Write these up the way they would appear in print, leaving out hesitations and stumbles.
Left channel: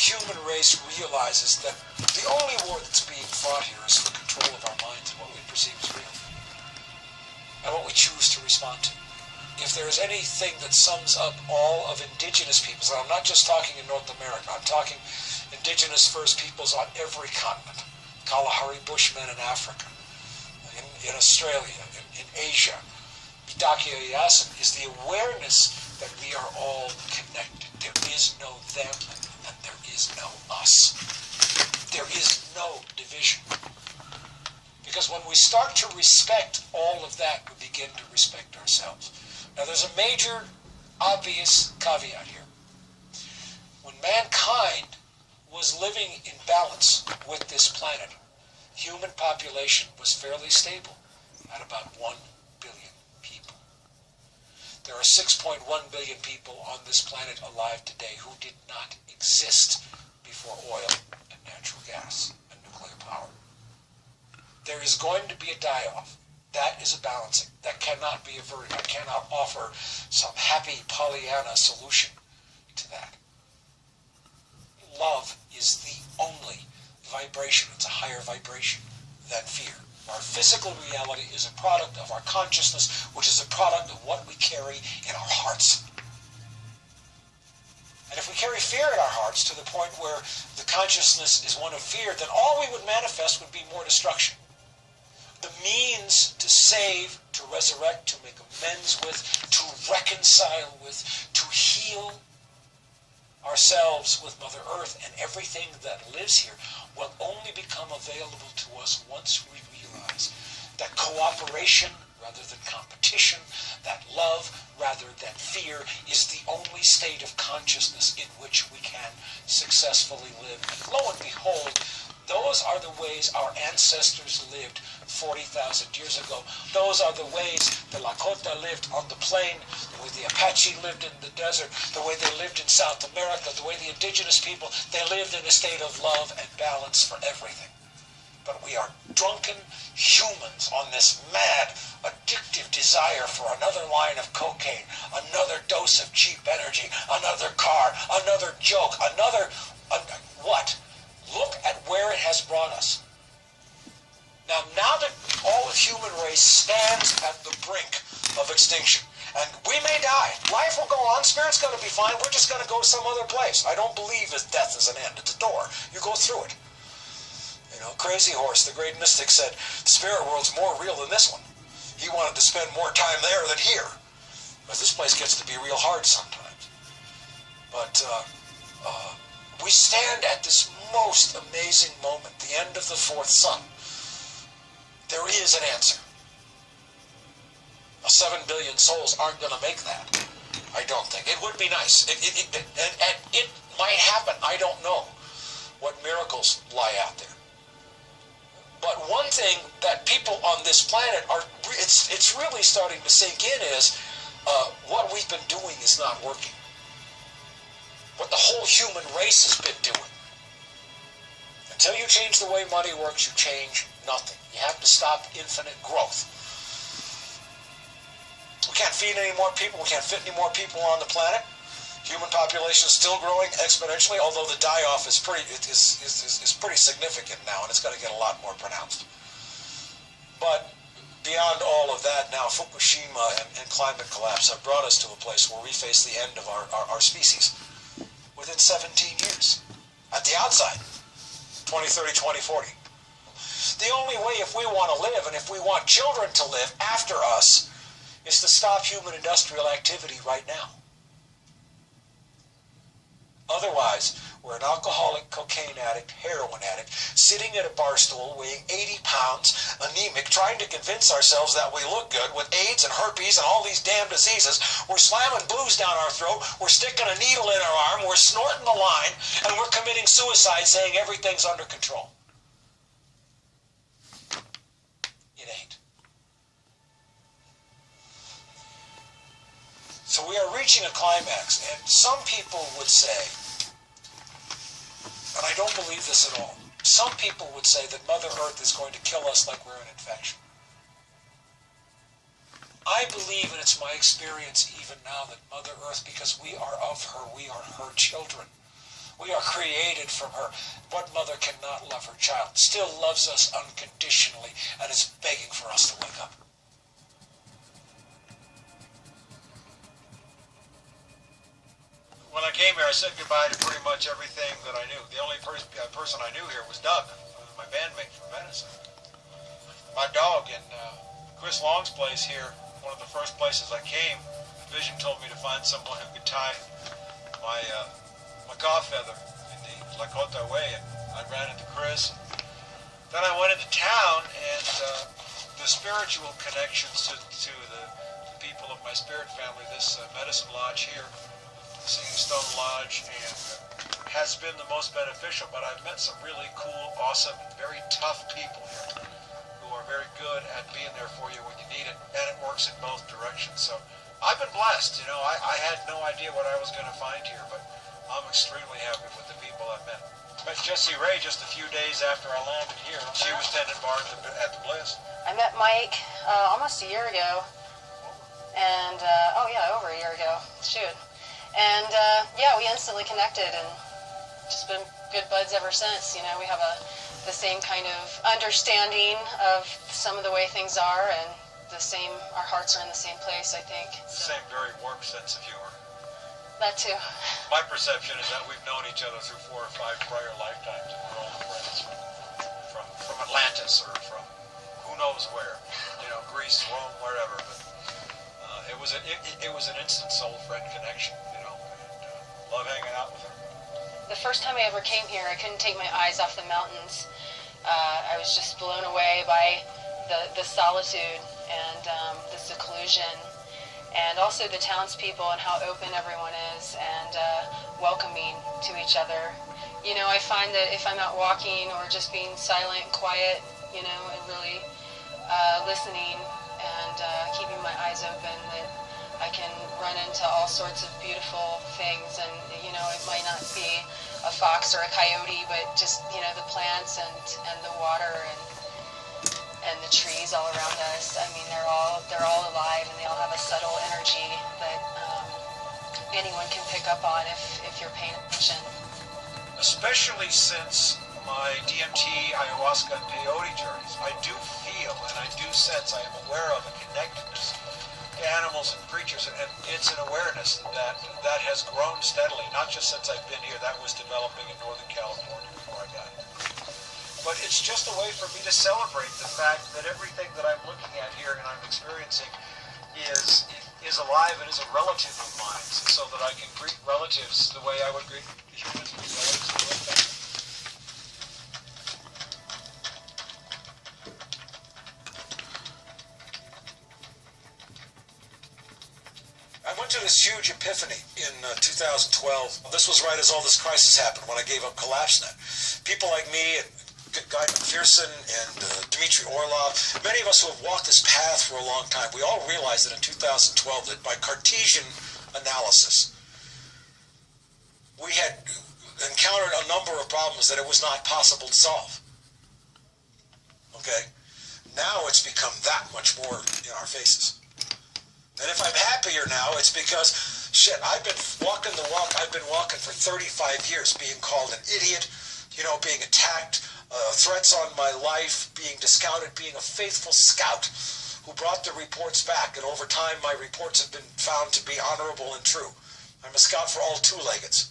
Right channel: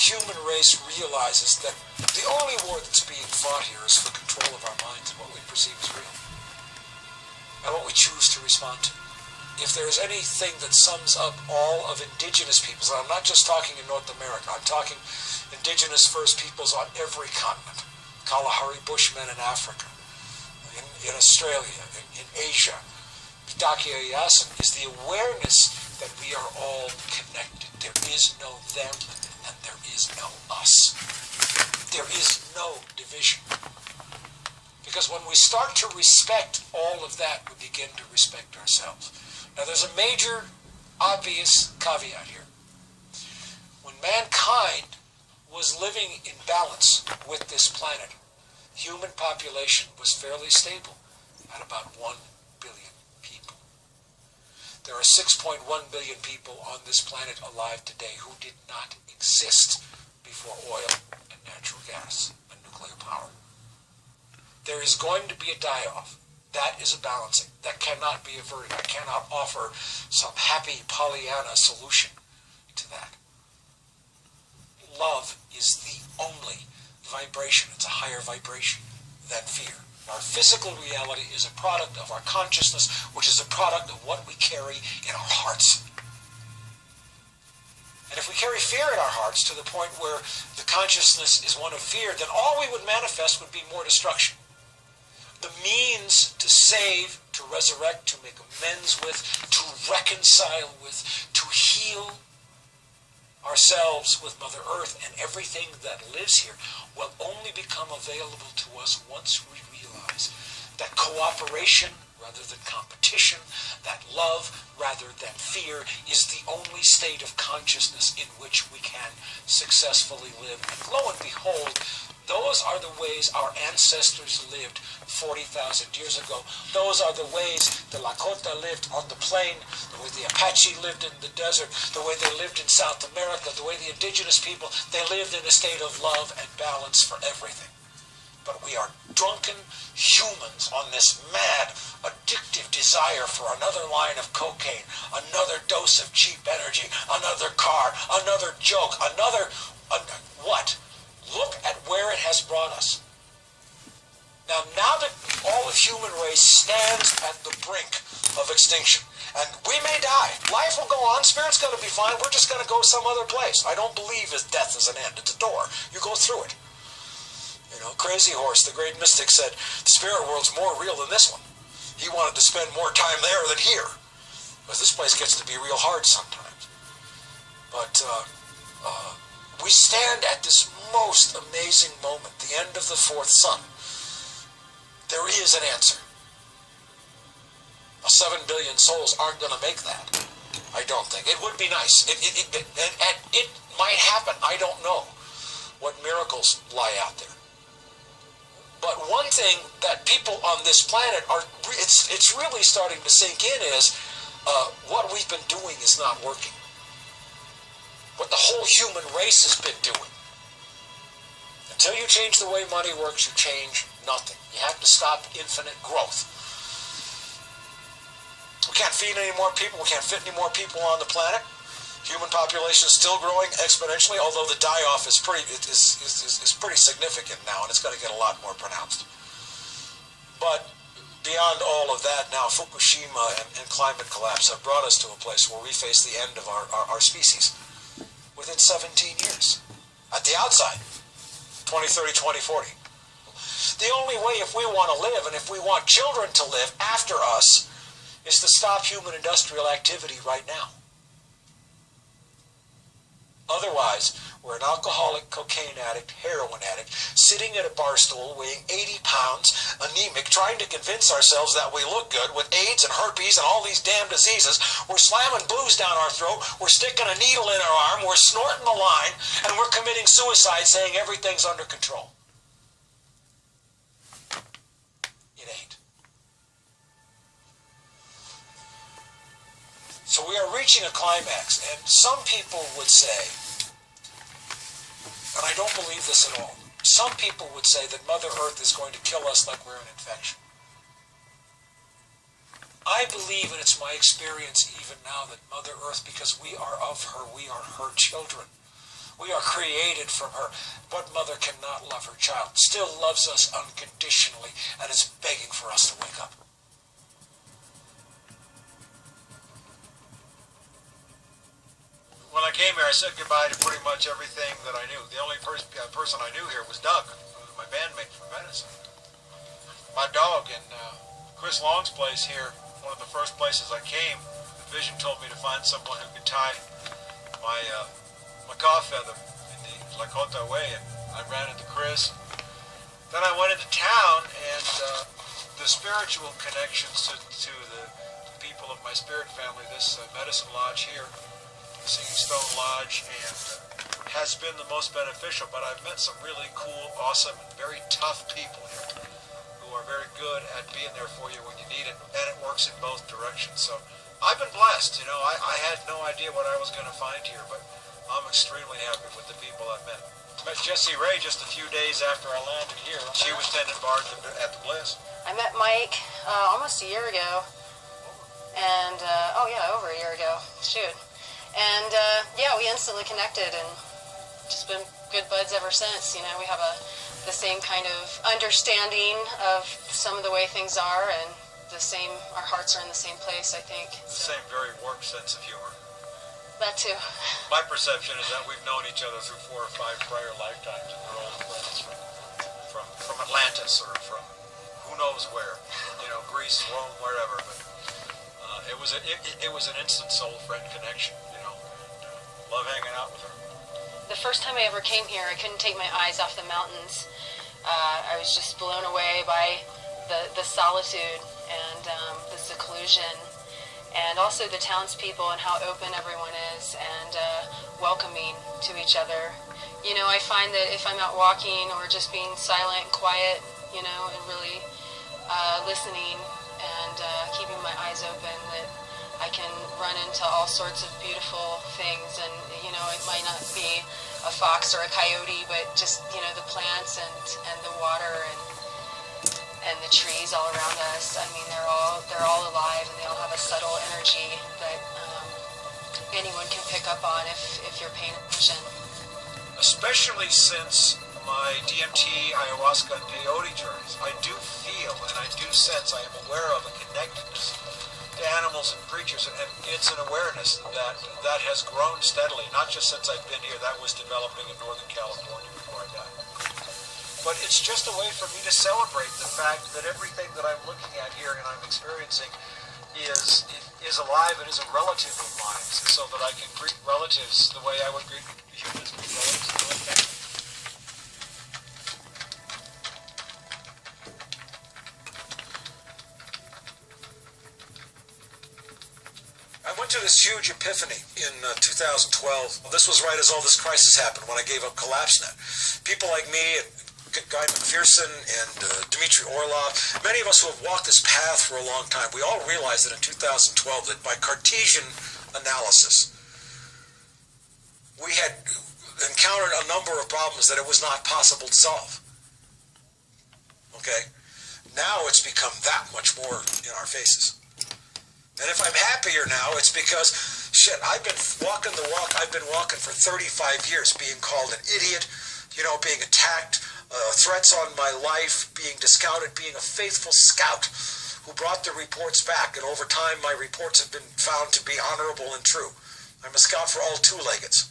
human race realizes that the only war that's being fought here is for control of our minds and what we perceive as real, and what we choose to respond to. If there's anything that sums up all of indigenous peoples, and I'm not just talking in North America, I'm talking indigenous First Peoples on every continent, Kalahari Bushmen in Africa, in Australia, in Asia, Bidaki Yasin, is the awareness that we are all connected. There is no them and there is no us. There is no division. Because when we start to respect all of that, we begin to respect ourselves. Now there's a major, obvious caveat here. When mankind was living in balance with this planet, human population was fairly stable at about 1 billion people. There are 6.1 billion people on this planet alive today who did not exist before oil and natural gas and nuclear power. There is going to be a die-off. That is a balancing. That cannot be averted. I cannot offer some happy Pollyanna solution to that. Love is the only vibration. It's a higher vibration than fear. Our physical reality is a product of our consciousness, which is a product of what we carry in our hearts. And if we carry fear in our hearts to the point where the consciousness is one of fear, then all we would manifest would be more destruction. The means to save, to resurrect, to make amends with, to reconcile with, to heal ourselves with Mother Earth and everything that lives here will only become available to us once we realize that cooperation rather than competition, that love rather than fear is the only state of consciousness in which we can successfully live. And lo and behold, those are the ways our ancestors lived 40,000 years ago. Those are the ways the Lakota lived on the plain, the way the Apache lived in the desert, the way they lived in South America, the way the indigenous people, they lived in a state of love and balance for everything. But we are drunken humans on this mad, addictive desire for another line of cocaine, another dose of cheap energy, another car, another joke, what? Look at where it has brought us. Now that all of human race stands at the brink of extinction, and we may die, life will go on, spirit's going to be fine, we're just going to go some other place. I don't believe that death is an end, it's a door. You go through it. You know, Crazy Horse, the great mystic, said, the spirit world's more real than this one. He wanted to spend more time there than here. But this place gets to be real hard sometimes. But we stand at this most amazing moment, the end of the fourth sun. There is an answer. 7 billion souls aren't going to make that. I don't think. It would be nice. It might happen. I don't know what miracles lie out there. But one thing that people on this planet it's really starting to sink in is what we've been doing is not working. What the whole human race has been doing. Until you change the way money works, you change nothing. You have to stop infinite growth. We can't feed any more people. We can't fit any more people on the planet. Human population is still growing exponentially, although the die-off is pretty significant now, and it's going to get a lot more pronounced. But beyond all of that now, Fukushima and climate collapse have brought us to a place where we face the end of our species within 17 years. At the outside, 2030, 2040. The only way, if we want to live and if we want children to live after us, is to stop human industrial activity right now. Otherwise, we're an alcoholic, cocaine addict, heroin addict, sitting at a bar stool weighing 80 pounds, anemic, trying to convince ourselves that we look good with AIDS and herpes and all these damn diseases. We're slamming booze down our throat, we're sticking a needle in our arm, we're snorting the line, and we're committing suicide saying everything's under control. It ain't. So we are reaching a climax, and some people would say, and I don't believe this at all, some people would say that Mother Earth is going to kill us like we're an infection. I believe, and it's my experience even now, that Mother Earth, because we are of her, we are her children. We are created from her. What mother cannot love her child? Still loves us unconditionally and is begging for us to wake up. When I came here, I said goodbye to pretty much everything that I knew. The only person I knew here was Doug, who was my bandmate from Medicine. My dog in Chris Long's place here, one of the first places I came, Vision told me to find someone who could tie my macaw feather in the Lakota way, and I ran into Chris. Then I went into town, and the spiritual connections to the people of my spirit family, this Medicine Lodge here, Singing Stone Lodge, and has been the most beneficial. But I've met some really cool, awesome, and very tough people here who are very good at being there for you when you need it, and it works in both directions. So I've been blessed. You know, I had no idea what I was going to find here, but I'm extremely happy with the people I've met. I met Jessie Ray just a few days after I landed here. She was tending bar at the Bliss. I met Mike almost a year ago, and over a year ago. Shoot. And we instantly connected and just been good buds ever since. You know, we have the same kind of understanding of some of the way things are, and our hearts are in the same place, I think. The same very warm sense of humor. That too. My perception is that we've known each other through 4 or 5 prior lifetimes, and we're all friends from Atlantis or from who knows where, you know, Greece, Rome, wherever. But it was an instant soul friend connection, you know. And, love hanging out with her. The first time I ever came here, I couldn't take my eyes off the mountains. I was just blown away by the solitude and the seclusion, and also the townspeople and how open everyone is and welcoming to each other. You know, I find that if I'm out walking or just being silent and quiet, you know, and really listening and keeping my eyes open, that I can run into all sorts of beautiful things. And, you know, it might not be a fox or a coyote, but just, you know, the plants and the water and the trees all around us. I mean, they're all alive, and they all have a subtle energy that anyone can pick up on if you're paying attention. Especially since my DMT, ayahuasca, and peyote journeys, I do feel and I do sense, I am aware of a connectedness to animals and creatures, and it's an awareness that has grown steadily, not just since I've been here. That was developing in Northern California before I got here. But it's just a way for me to celebrate the fact that everything that I'm looking at here and I'm experiencing is alive and is a relative of mine, so that I can greet relatives the way I would greet humans with relatives who live next to me. I went to this huge epiphany in 2012. This was right as all this crisis happened, when I gave up CollapseNet. People like me, Guy McPherson and Dmitry Orlov, many of us who have walked this path for a long time, we all realized that in 2012 that by Cartesian analysis, we had encountered a number of problems that it was not possible to solve. Okay? Now it's become that much more in our faces. And if I'm happier now, it's because, shit, I've been walking the walk I've been walking for 35 years, being called an idiot, you know, being attacked, threats on my life, being discounted, being a faithful scout who brought the reports back, and over time my reports have been found to be honorable and true. I'm a scout for all two-leggeds.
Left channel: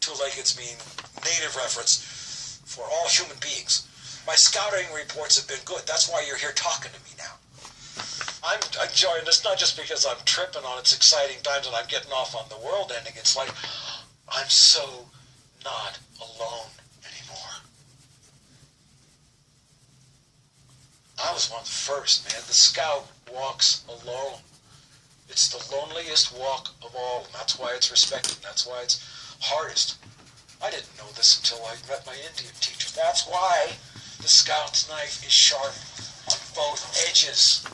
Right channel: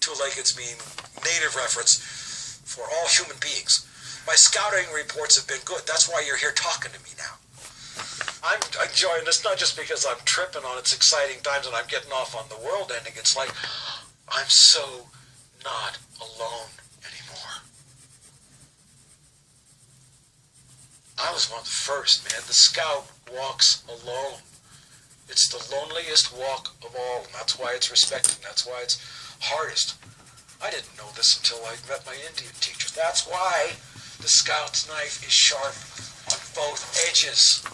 Two-leggeds mean native reference for all human beings. My scouting reports have been good. That's why you're here talking to me now. I'm enjoying this not just because I'm tripping on its exciting times and I'm getting off on the world ending. It's like, I'm so not alone anymore. I was one of the first, man. The scout walks alone. It's the loneliest walk of all, and that's why it's respected. That's why it's hardest. I didn't know this until I met my Indian teacher. That's why the scout's knife is sharp on both edges.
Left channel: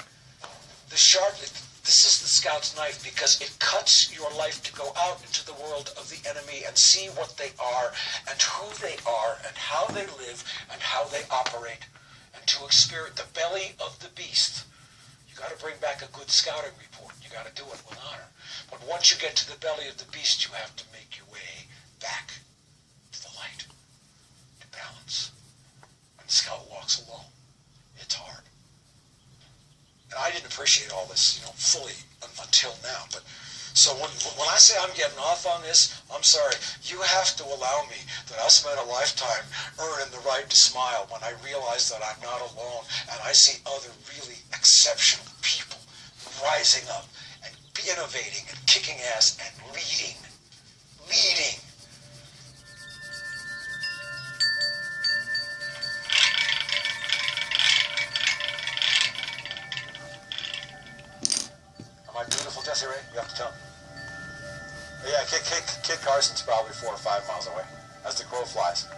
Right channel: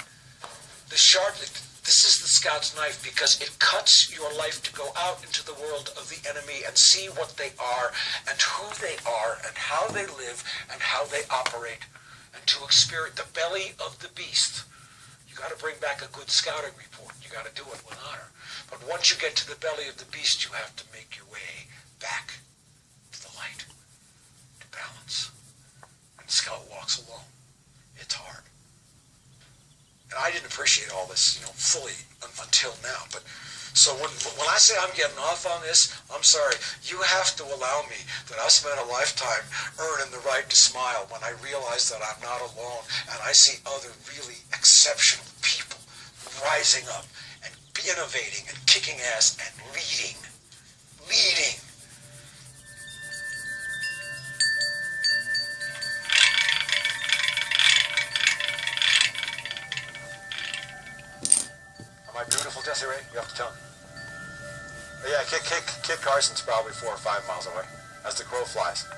This is the scout's knife because it cuts your life to go out into the world of the enemy and see what they are and who they are and how they live and how they operate, and to experience the belly of the beast. You got to bring back a good scouting report. You got to do it with honor. But once you get to the belly of the beast, you have to make your way back light, to balance. And the scout walks alone. It's hard. And I didn't appreciate all this, fully until now. But so when I say I'm getting off on this, I'm sorry. You have to allow me that I spent a lifetime earning the right to smile when I realize that I'm not alone and I see other really exceptional people rising up and innovating and kicking ass and leading. Am I beautiful, Desiree? You have to tell me. But yeah, Kit Carson's probably 4 or 5 miles away, as the crow flies,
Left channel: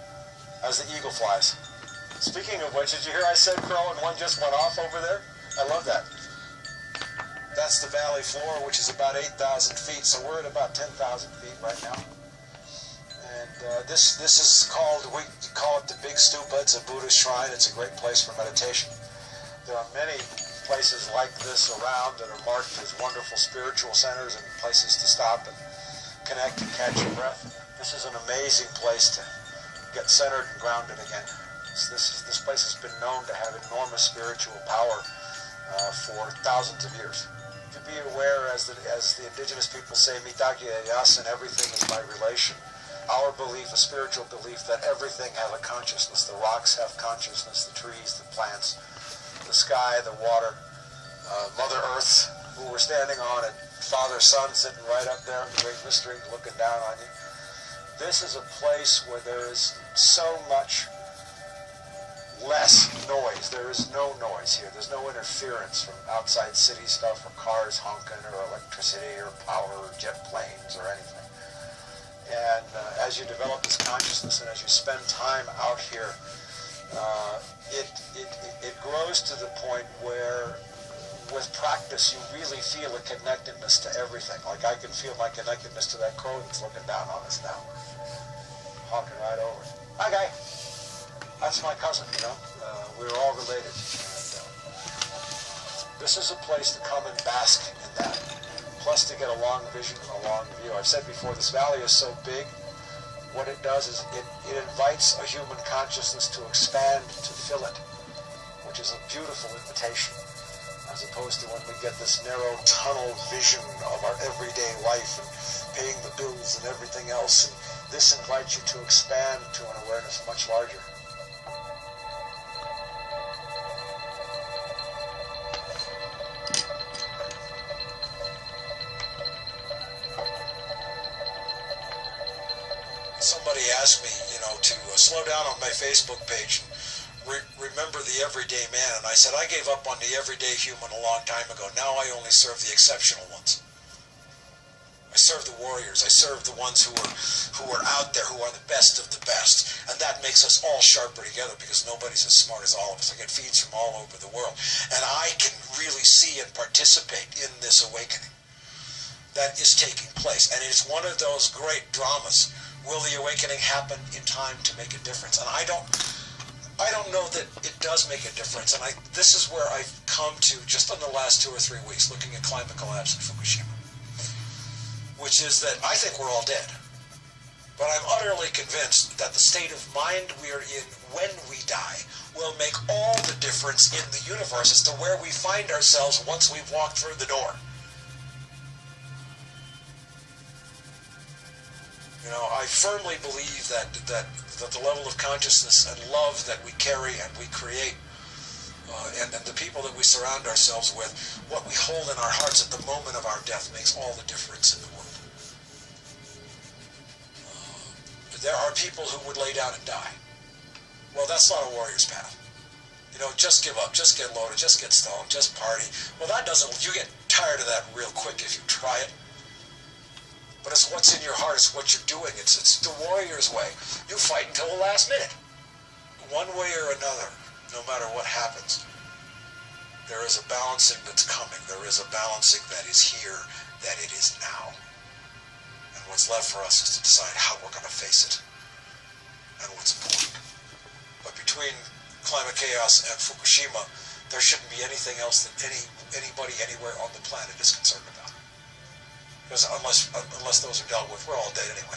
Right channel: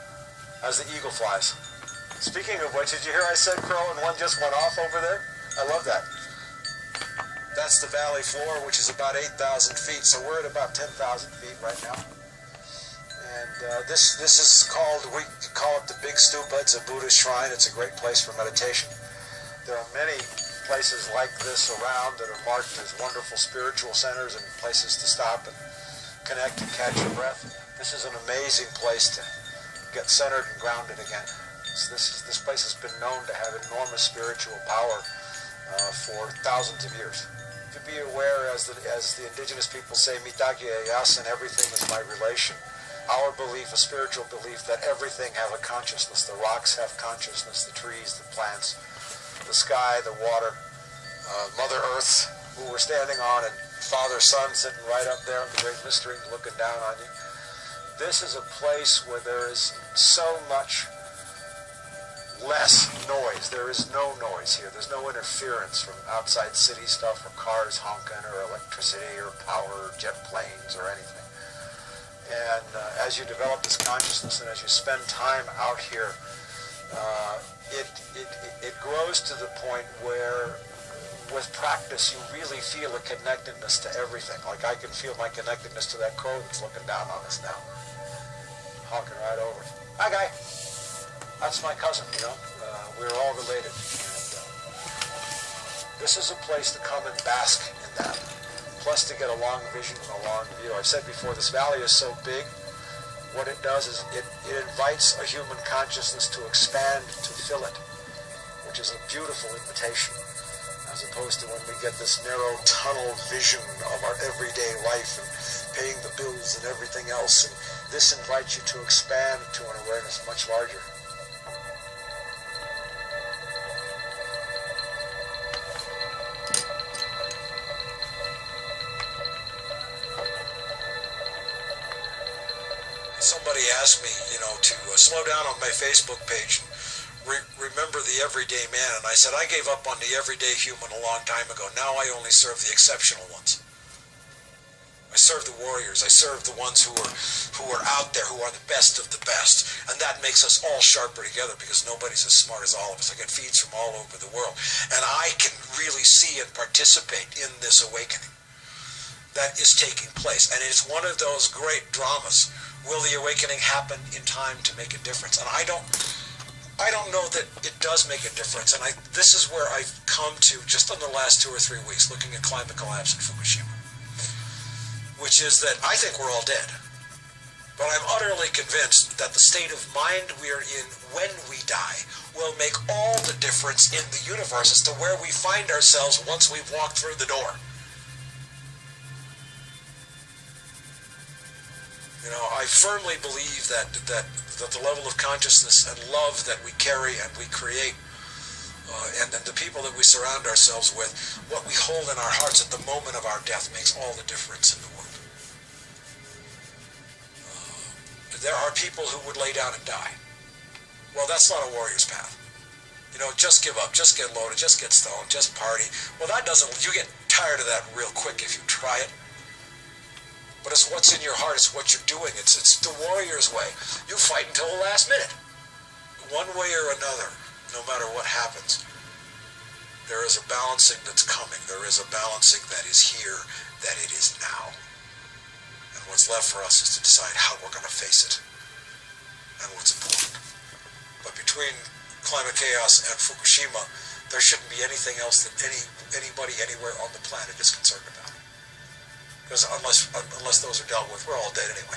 as the eagle flies. Speaking of which, did you hear I said crow and one just went off over there? I love that. That's the valley floor, which is about 8,000 feet, so we're at about 10,000 feet right now. And this is called, we call it the Big Stupa. It's a Buddhist shrine. It's a great place for meditation. There are many places like this around that are marked as wonderful spiritual centers and places to stop and connect and catch your breath. This is an amazing place to get centered and grounded again. This place has been known to have enormous spiritual power for thousands of years. To be aware, as the indigenous people say, mitagye yasin, everything is my relation. Our belief, a spiritual belief, that everything have a consciousness. The rocks have consciousness, the trees, the plants, the sky, the water, Mother Earth, who we're standing on, and Father Sun sitting right up there in the great mystery looking down on you. This is a place where there is so much less noise. There is no noise here. There's no interference from outside city stuff or cars honking or electricity or power or jet planes or anything. And as you develop this consciousness and as you spend time out here, it grows to the point where with practice you really feel a connectedness to everything. Like I can feel my connectedness to that crow that's looking down on us now. Honking right over. Hi, guy. That's my cousin, we're all related. And, this is a place to come and bask in that. Plus to get a long vision and a long view. I've said before, this valley is so big, what it does is it invites a human consciousness to expand, to fill it, which is a beautiful invitation, as opposed to when we get this narrow tunnel vision of our everyday life and paying the bills and everything else. And this invites you to expand to an awareness much larger. Somebody asked me, to slow down on my Facebook page and remember the everyday man. And I said, I gave up on the everyday human a long time ago. Now I only serve the exceptional ones. I serve the warriors. I serve the ones who are out there, who are the best of the best. And that makes us all sharper together because nobody's as smart as all of us. I get feeds from all over the world. And I can really see and participate in this awakening that is taking place. And it's one of those great dramas. Will the awakening happen in time to make a difference? And I don't know that it does make a difference. And this is where I've come to just in the last 2 or 3 weeks, looking at climate collapse in Fukushima, which is that I think we're all dead. But I'm utterly convinced that the state of mind we're in when we die will make all the difference in the universe as to where we find ourselves once we've walked through the door. I firmly believe that the level of consciousness and love that we carry and we create, and the people that we surround ourselves with, what we hold in our hearts at the moment of our death makes all the difference in the world. There are people who would lay down and die. Well, that's not a warrior's path. Just give up, just get loaded, just get stoned, just party. Well, that doesn't, you get tired of that real quick if you try it. But it's what's in your heart, it's what you're doing. It's the warrior's way. You fight until the last minute. One way or another, no matter what happens, there is a balancing that's coming. There is a balancing that is here, that it is now. And what's left for us is to decide how we're going to face it and what's important. But between climate chaos and Fukushima, there shouldn't be anything else that anybody anywhere on the planet is concerned about. Because unless those are dealt with, we're all dead anyway.